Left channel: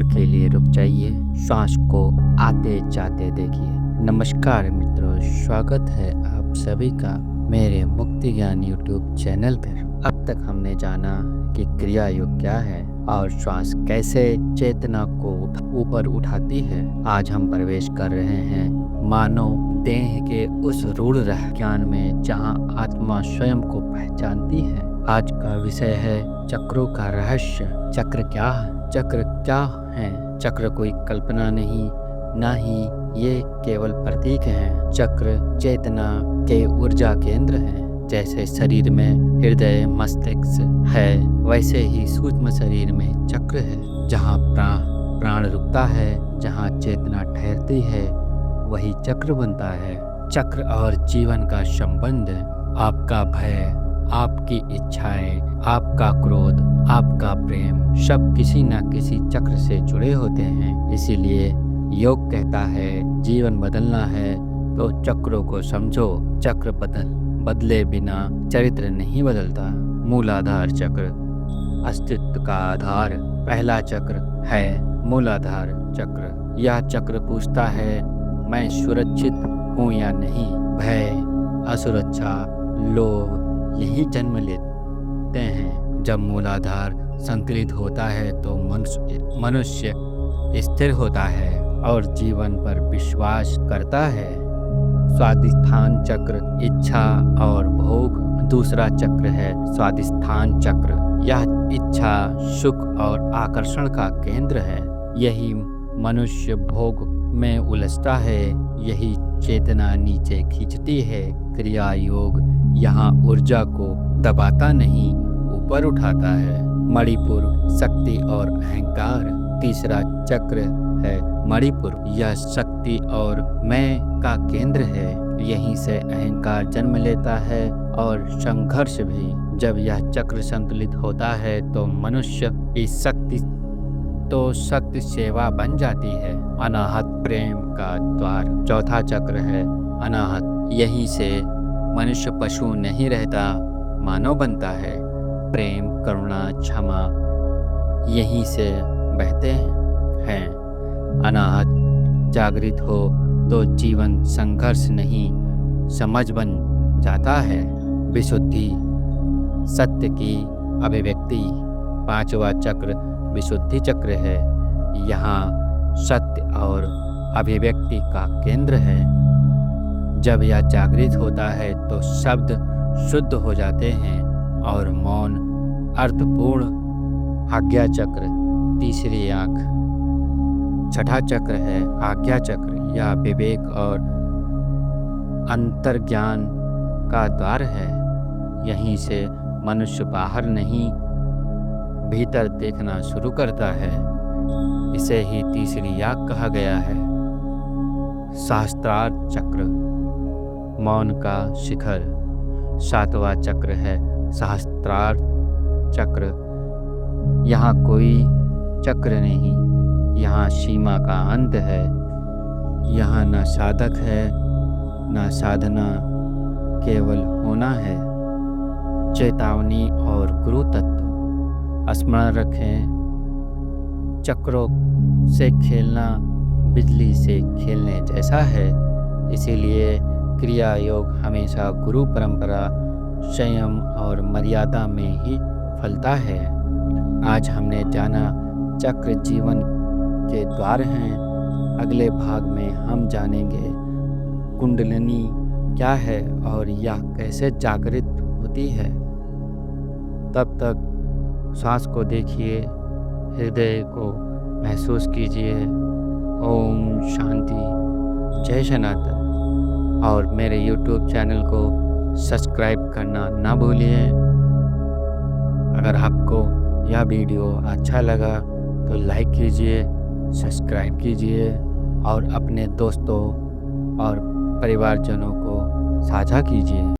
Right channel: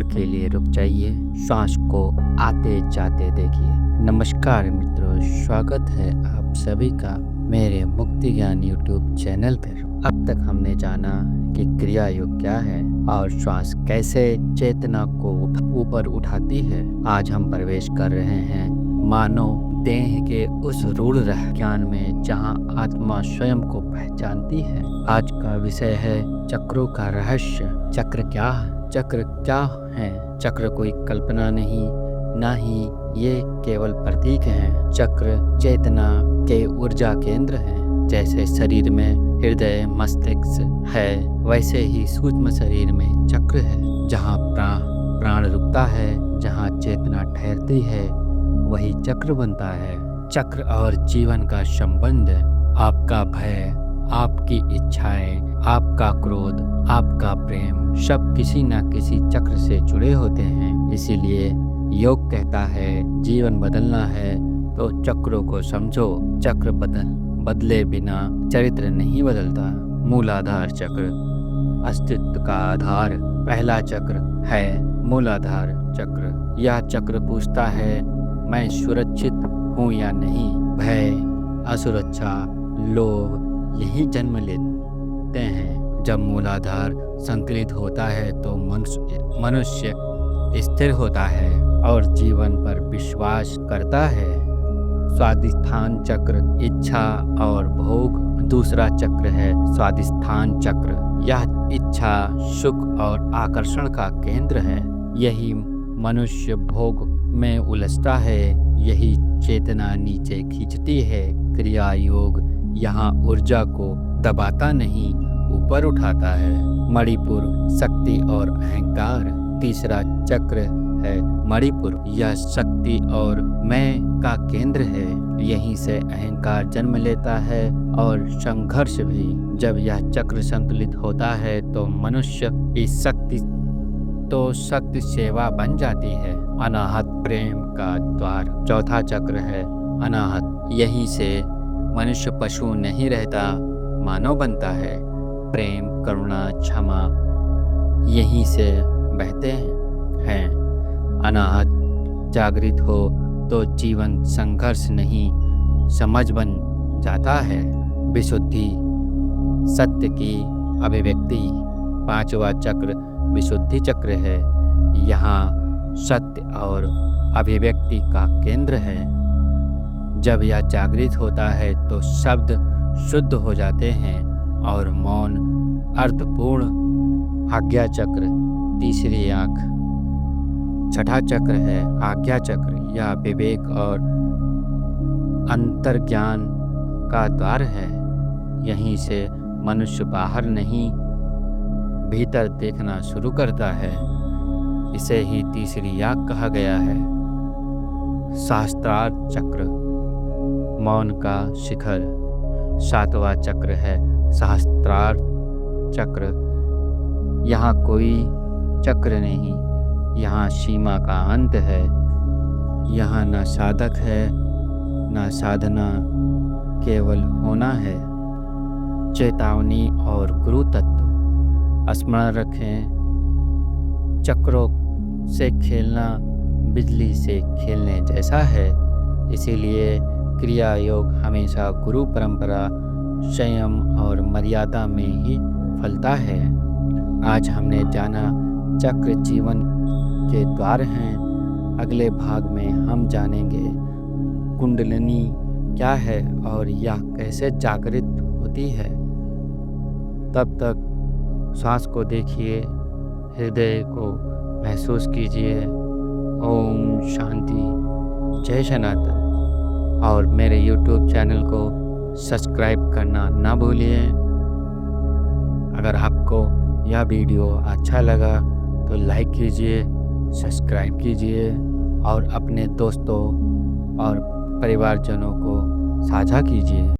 क्षण के लिए रुक जाइए, सांस को आते जाते देखिए। नमस्कार मित्रों, स्वागत है आप सभी का मेरे मुक्ति ज्ञान यूट्यूब चैनल पर। अब तक हमने जाना कि क्रिया योग क्या है और श्वास कैसे चेतना को ऊपर उठाती है। आज हम प्रवेश कर रहे हैं मानव देह के उस रूढ़ ज्ञान में जहां आत्मा स्वयं को पहचानती है। आज का विषय है चक्रों का रहस्य। चक्र क्या है? चक्र क्या है? चक्र कोई कल्पना नहीं, ना ही ये केवल प्रतीक हैं। चक्र चेतना के ऊर्जा केंद्र हैं। जैसे शरीर में हृदय मस्तिष्क है, वैसे ही सूक्ष्म शरीर में चक्र है। जहाँ प्राण रुकता है, जहाँ चेतना ठहरती है, वही चक्र बनता है। चक्र और जीवन का संबंध, आपका भय, आपकी इच्छाएं, आपका क्रोध, आपका प्रेम, सब किसी न किसी चक्र से जुड़े होते हैं। इसीलिए योग कहता है जीवन बदलना है तो चक्रों को समझो। चक्र बदले बिना चरित्र नहीं बदलता। मूलाधार चक्र, अस्तित्व का आधार। पहला चक्र है मूलाधार चक्र। यह चक्र पूछता है मैं सुरक्षित हूँ या नहीं। भय, असुरक्षा, लोभ यही जन्म लेते हैं। जब मूलाधार संतुलित होता है तो मनुष्य स्थिर होता है और जीवन पर विश्वास करता है। स्वादिष्ठान चक्र, इच्छा और भोग। दूसरा चक्र है स्वादिष्ठान चक्र। यह इच्छा, सुख और आकर्षण का केंद्र है। यही मनुष्य भोग में उलझता है, यही चेतना नीचे खींचती है। क्रिया योग यहाँ ऊर्जा को दबाता नहीं, ऊपर उठाता है। मणिपुर, शक्ति और अहंकार। तीसरा चक्र है मणिपुर। यह शक्ति और मैं का केंद्र है। यहीं से अहंकार जन्म लेता है और संघर्ष भी। जब यह चक्र संतुलित होता है तो मनुष्य की शक्ति सेवा बन जाती है। अनाहत, प्रेम का द्वार। चौथा चक्र है अनाहत। यहीं से मनुष्य पशु नहीं रहता, मानव बनता है। प्रेम, करुणा, क्षमा यहीं से बहते हैं। अनाहत जागृत हो तो जीवन संघर्ष नहीं, समझ बन जाता है। विशुद्धि, सत्य की अभिव्यक्ति। पांचवा चक्र विशुद्धि चक्र है। यहाँ सत्य और अभिव्यक्ति का केंद्र है। जब यह जागृत होता है तो शब्द शुद्ध हो जाते हैं और मौन अर्थपूर्ण। आज्ञा चक्र, तीसरी आँख। छठा चक्र है आज्ञा चक्र। यह विवेक और अंतर्ज्ञान का द्वार है। यहीं से मनुष्य बाहर नहीं, भीतर देखना शुरू करता है। इसे ही तीसरी आँख कहा गया है। सहस्त्रार चक्र, मौन का शिखर। सातवां चक्र है सहस्त्रार चक्र। यहाँ कोई चक्र नहीं, यहाँ सीमा का अंत है। यहाँ न साधक है न साधना, केवल होना है। चेतावनी और गुरु तत्व। स्मरण रखें, चक्रों से खेलना बिजली से खेलने जैसा है। इसीलिए क्रिया योग हमेशा गुरु परंपरा, संयम और मर्यादा में ही फलता है। आज हमने जाना चक्र जीवन के द्वार हैं। अगले भाग में हम जानेंगे कुंडलिनी क्या है और यह कैसे जागृत होती है। तब तक सांस को देखिए, हृदय को महसूस कीजिए। ओम शांति, जय सनातन। और मेरे YouTube चैनल को सब्सक्राइब करना ना भूलिए। अगर आपको यह वीडियो अच्छा लगा तो लाइक कीजिए, सब्सक्राइब कीजिए और अपने दोस्तों और परिवारजनों को साझा कीजिए।